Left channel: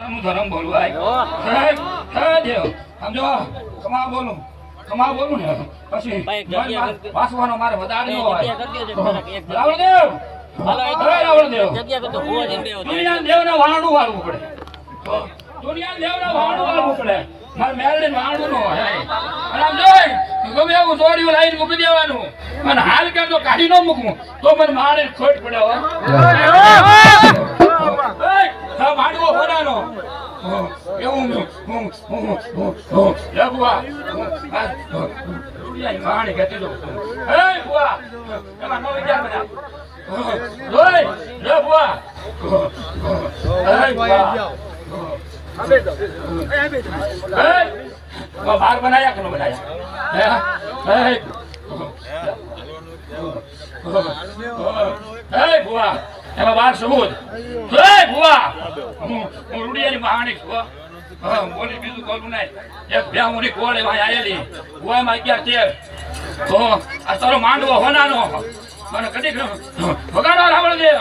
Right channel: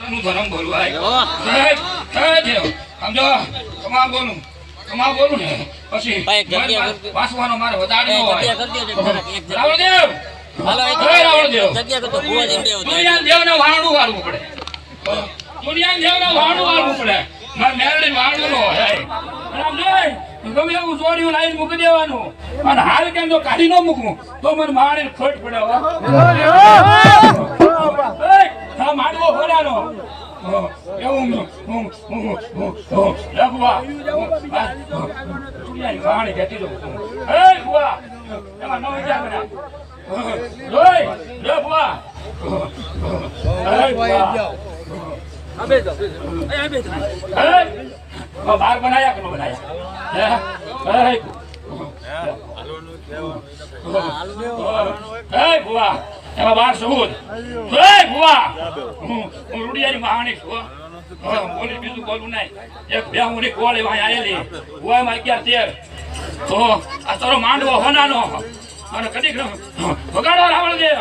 ધર્મ બોલું દેવ સમજો કમા બોલું ને પછી વાસવાનો મારે વધારે દુનિયા દેવને વાણું વાળવું પડે મારે મેરડી વાણું નો ગમે એવું જોડ્યું લાઈન મૂકી દેવાનું અને હાલ કેમ તો કાઢી ન મૂકવું તો મને મારે ખોટ પડે માંડવો ફોડાનો એવું વાણી કહેતી દઉં એમાં નો વિચાર બધા બાર બનાયા કે બનાયા એમાં બાર સબૂત હું રૂડિયાની મહાણી છું બોલી બીજું બોલું નહીં એક બે હું કોળ એવા આવેલી ગુવામાં 11-13 આ તારો માંડવો હોનાનો અને કદી વગાડો રાવણ દેવ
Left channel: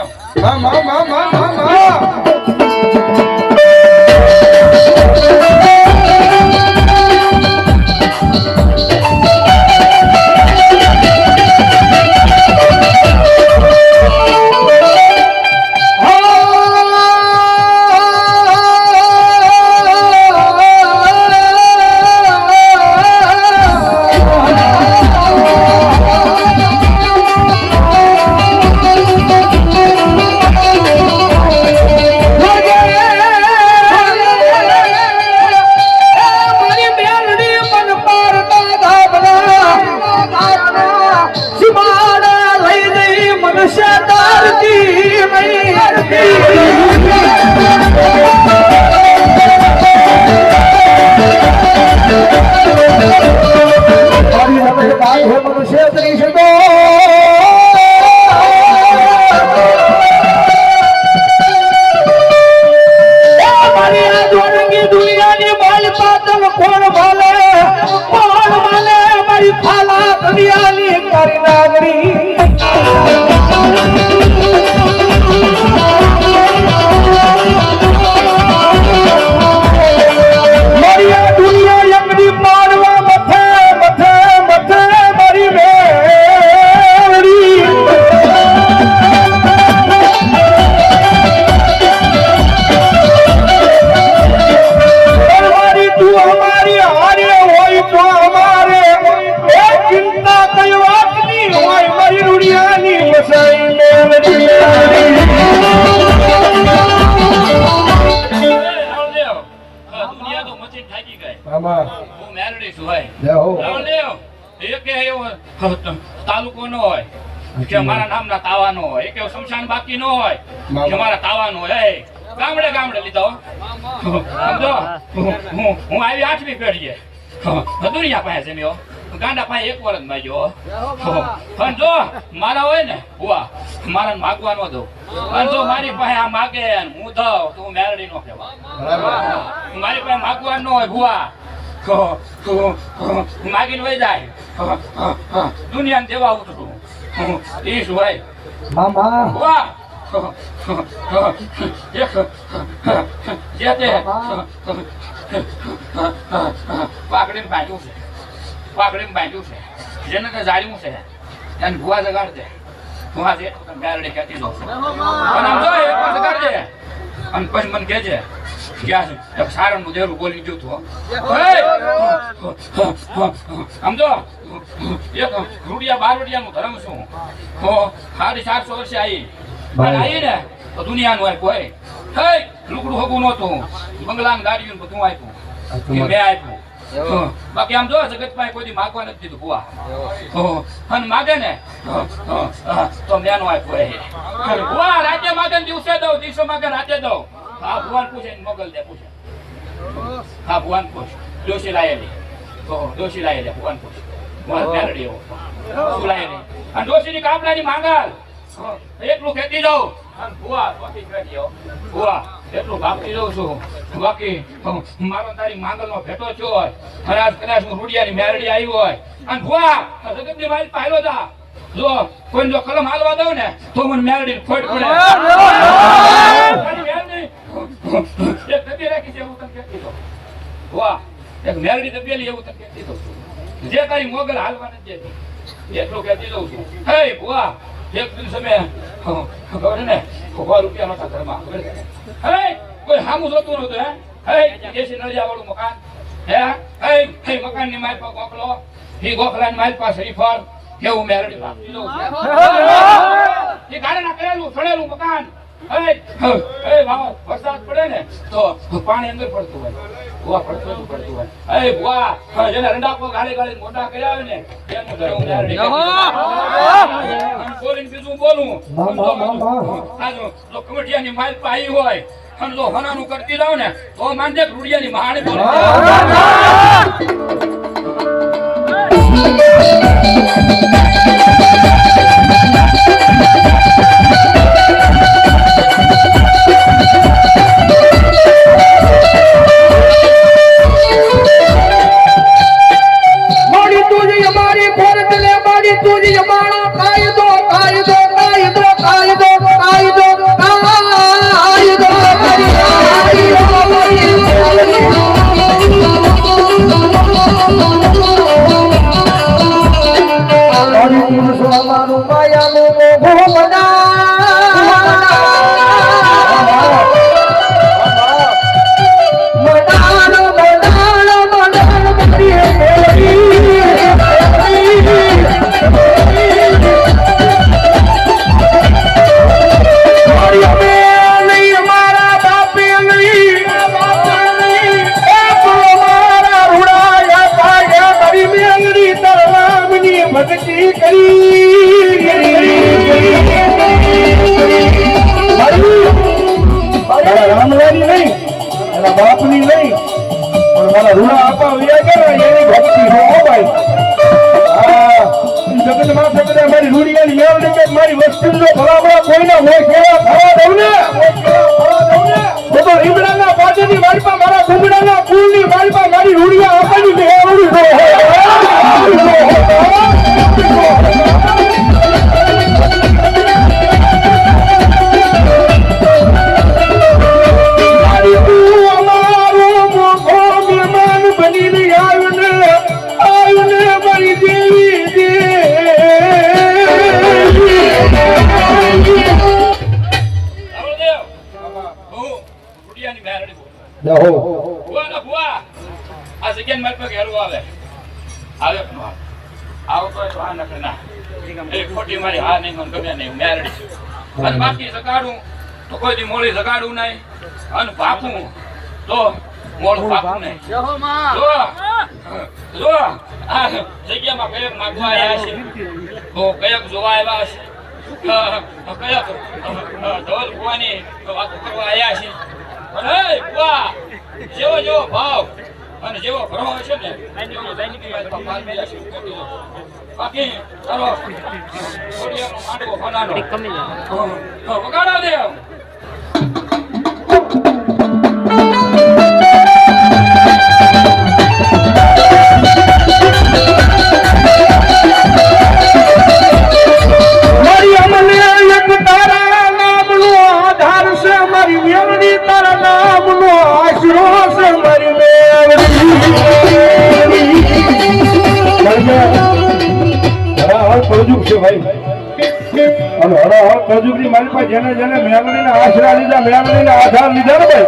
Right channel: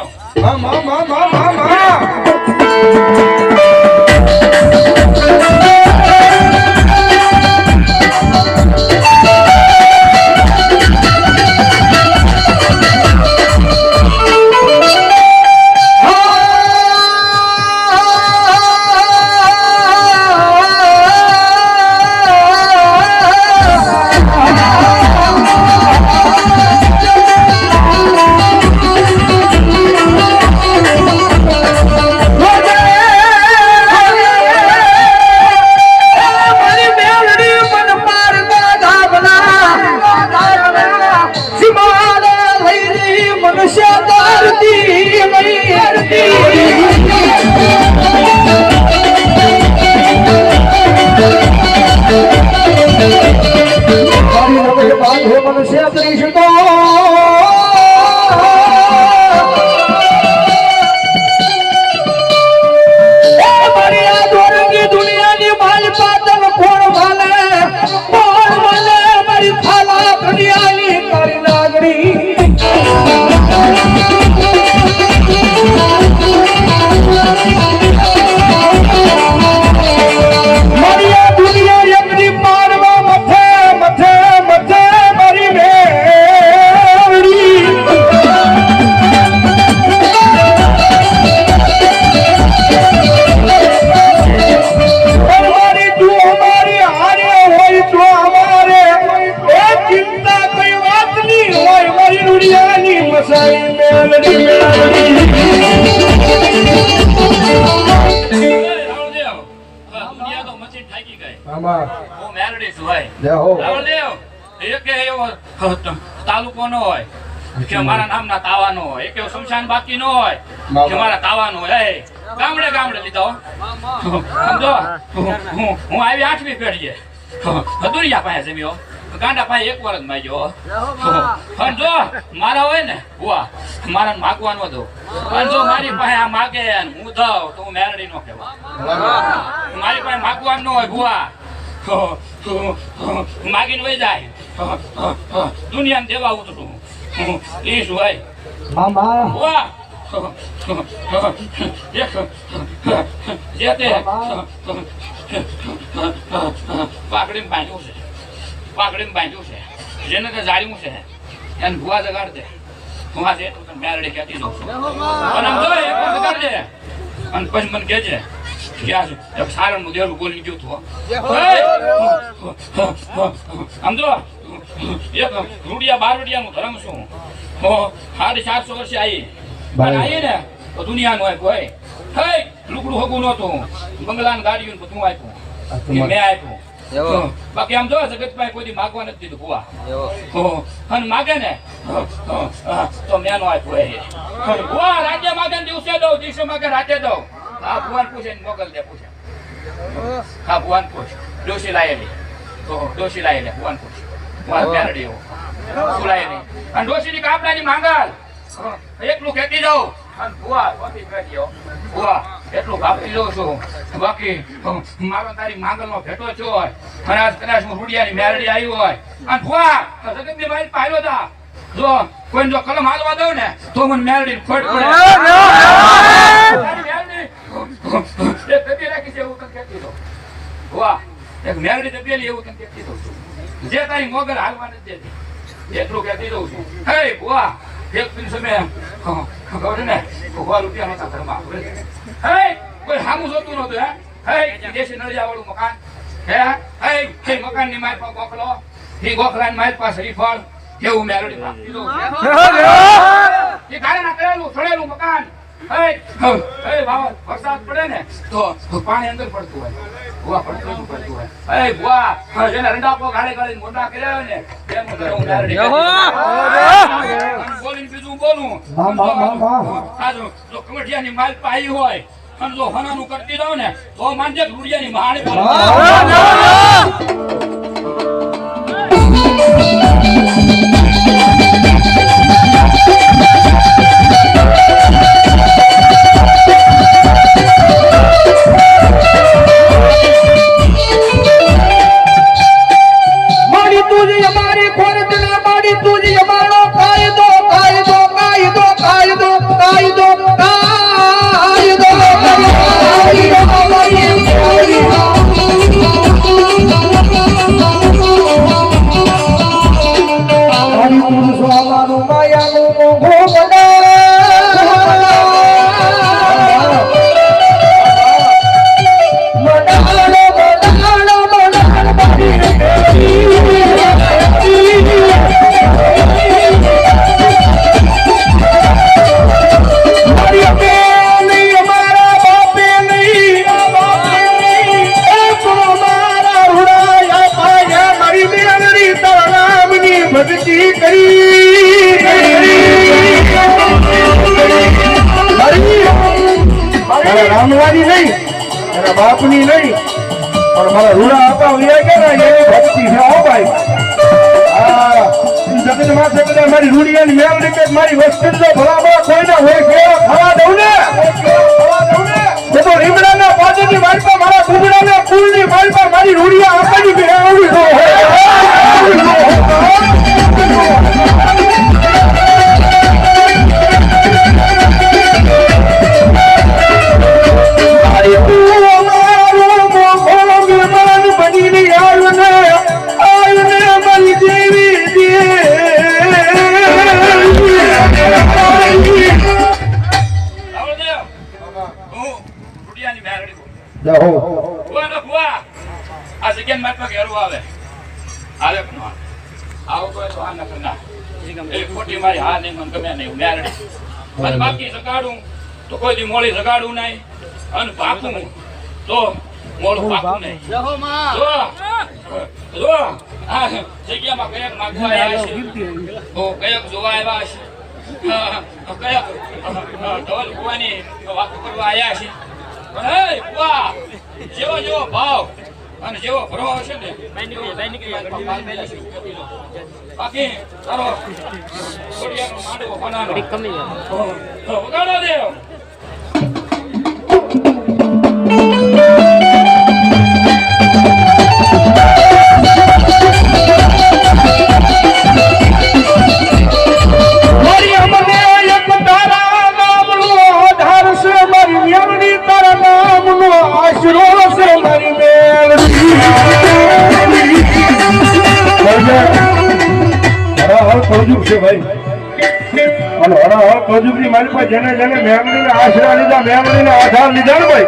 તાલુકો નો હોય કે મારા નામના તાવાનો હોય કે શમશાન બાકી નો હોય કે મારા તાવાનો હોય ગામડે ગામડે લીધો સમજો હું આવી 8મી પેઢીએ દુનિયા પાસે જમ્યો ગાંડા પાસે 1 વર્ષ માંગ્યો પણ જો મારા હોય ને હુઆ મારા માગવાનો દો પણ જો મારી પાસે આ માગે હું દઉં તો હું મેરડી નો કહેવા મારી પાસે માગવાનું ન હોય હુઆ માગીને વહી જાય દુનિયાને દેવા ઉતરું એ શું ભાઈ મામા વાહ જે તે પાકડીને બાંધ્યું છે જેને કે જાળ્યું છે એને ભુવા જગાડ દે ભુવા છે મેરડી ખેતી દો અને પછી મને કહેજે ક્યાં સારણ નું દેરું બોલી ગયું તું સમજો એક રૂડિયા બારવડિયા નું ધર્મ શું 750 વર્ષે આવી ને તો દુનિયાનું આપ્યું હોય લુકડું હગું નતું બંગલાની ગાડીઓ બધું આપ્યું મેં આપ્યું બાકી આમ જો જગત પાસે કોઈ માગવા નથી દીધું ભુવા અને માગે ને તો મેં આપ્યું ભુવા રાજ્ય માગે દિવસે દઉં દિવસે માગે રાતે દઉં હા ભુવાન પૂછે મોગલ દે પૂછે હા ભુવાન પૂછ ડોશી લાયેલી ભુવાન પૂછ ભુવાન મેરડી એવો શું લાયેલી અને ડોશીની કાપડાની માંગલ એકલું ખેતી જાઉં અને ભુવા એટલું ભાપતી જાઉં છું બાકી મારો તારી માંગલ નો ભેટો થયો હોય અને આજ કદાચ હું રૂડિયાની મેરડી આવી હોય અને ભુવા જગતની મારી પાયલો તા જો કોઈ જો કલમ હાલવા દઉં ને તો મને મેરડી ખોટ પડે છે એવું તને કહેતી દઉં. વાહ એક મેલડી તો પેલી એવું તને કહેતી દઉં છું. જે તારી મોગલ હાલવા નથી દેતી એટલું કહેતી દઉં છું. હે વાહ એક દિવસ અમે ખબર ને 100 રૂપિયા નહોતા ઘરમાં. હે કોઈ સામું જોતું નહોતું. હે દેશી નળિયા વાળું મકાન. હે મકાન ની માલ પર ગોખલો એ ગોખલા ની માલ પર શ્રીફળ એવું મેલડી આપી દઉં છું. એ ગાડીના કરેલું સડેલું મકાન. વરસાદ પડે ને તો પાણી અંદર પડતું હોય. બુઆ પડતું હોય. બુઆ જેને રંડાપો ગાડી ગાડી મોટા કર્યા હોય ને એનું ઘરે હું મેલડી બોલીને બીજું બોલું. આ જો કમઠિયાની માલ પર આવી હોય અને જો હનાનું કરતી રહો ને તો માનજે રૂડિયાની માણી રામવારી નહીં એના બાપની નહીં પણ મારા રૂડા આપા વ્યા ગયા એની ભક્તિ હો ભાઈ. હા જગત માં જગત મારી રૂડિયાની મેળવી કે મારી વસ્તુ જો ભલામણા કોઈને હોય કેવા ખવા દઉં ને તો રીમડાના પાદની માલપા મારા ગુમડાના કુલની માલપા મારી રૂડિયા આપવાની મેળવી હોય. આ જગ્યા મારી પાસે ઘેરું આવે આવો કોઈ તો હા ના ખોટી મારી હા નહીં મને ગમે નહીં મેરડી અને બાકી જગાડું તો કોઈ દી મોડી જગાડું નહીં અને પાકું તો મોડું પાકું નહીં. જો આ જગ્યામાં કયક માગવા આવ્યા છે તો કયક જોવા આવ્યા છે કયક ઢોલ કુવાની વાતો કરવા આવ્યા છે. જેવો જેવો ભાવ અને જેવો ભરો હશે ને બાકી તારો માંડવો વગાડો દે. જેને જેને મેલડીના આશરા લીધા મેલડીના આધાર લીધા ને ભાઈ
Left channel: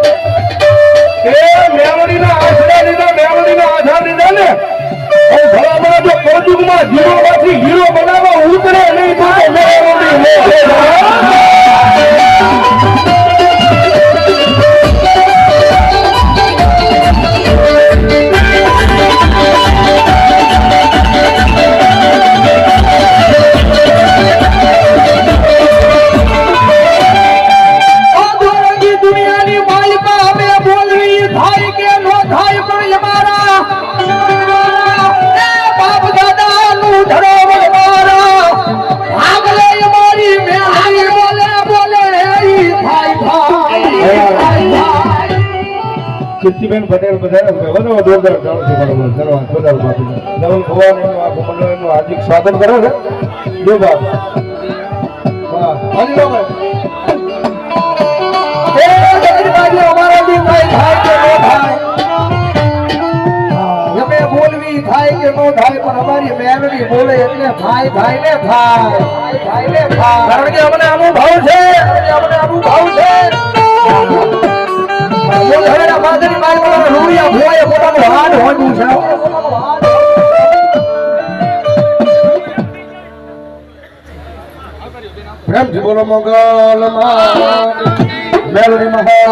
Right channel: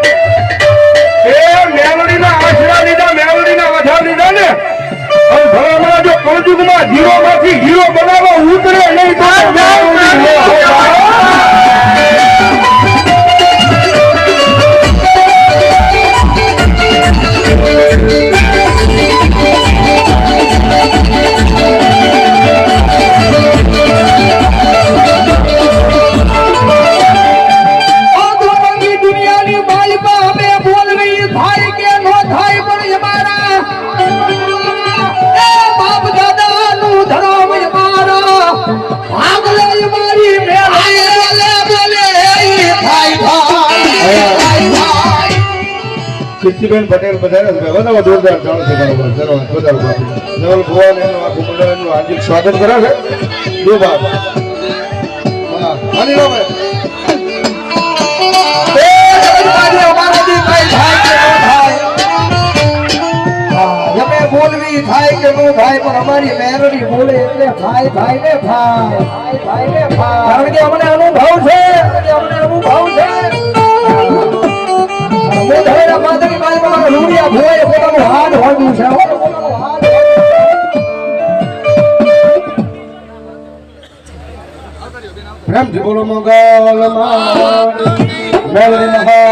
એ મેલડીના આશરા લીધા મેલડીના આધાર લીધા ને ભલામણા જો કળજુગમાં હીરો માંથી હીરો બનાવવા ઉતરે નહીં તો કીર્તિબેન પટેલ પધાર્યા છે. બધા જોરદાર ચાલુ છે બધા બાપુ નવલ ભુવન એનું આખું મંડળ એનું હાર્દિક સ્વાગત કરે છે. દો બાપ વાહ હરી રામ એ જગતબાજી અમારા દી કઈ થાય કે અમારી મેરડી બોલે એટલે ભાઈ ભાઈ ને ભાઈ કારણ કે અમને અનુભવ છે મોઢેરા બાદરી બાલમાં રૂડિયા ભોએ પોતાનું હાડ હોડ્યું છે પ્રેમથી બોલો મંગલ મેલડી મહા